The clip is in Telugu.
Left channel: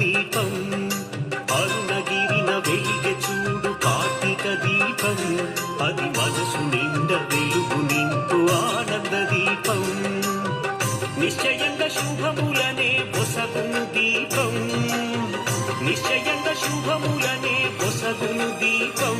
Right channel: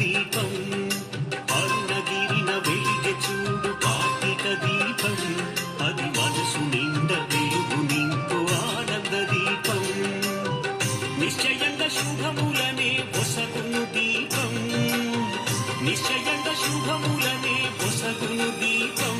దీపం అరుణగిరిన వెలిగె చూడు కార్తీక దీపం అది మనసు నిండ వెలుగు నింపు ఆనంద దీపం నిశ్చయంగా శుభములనే పొసగును దీపం నిశ్చయంగా శుభములనే పొసగును దీపం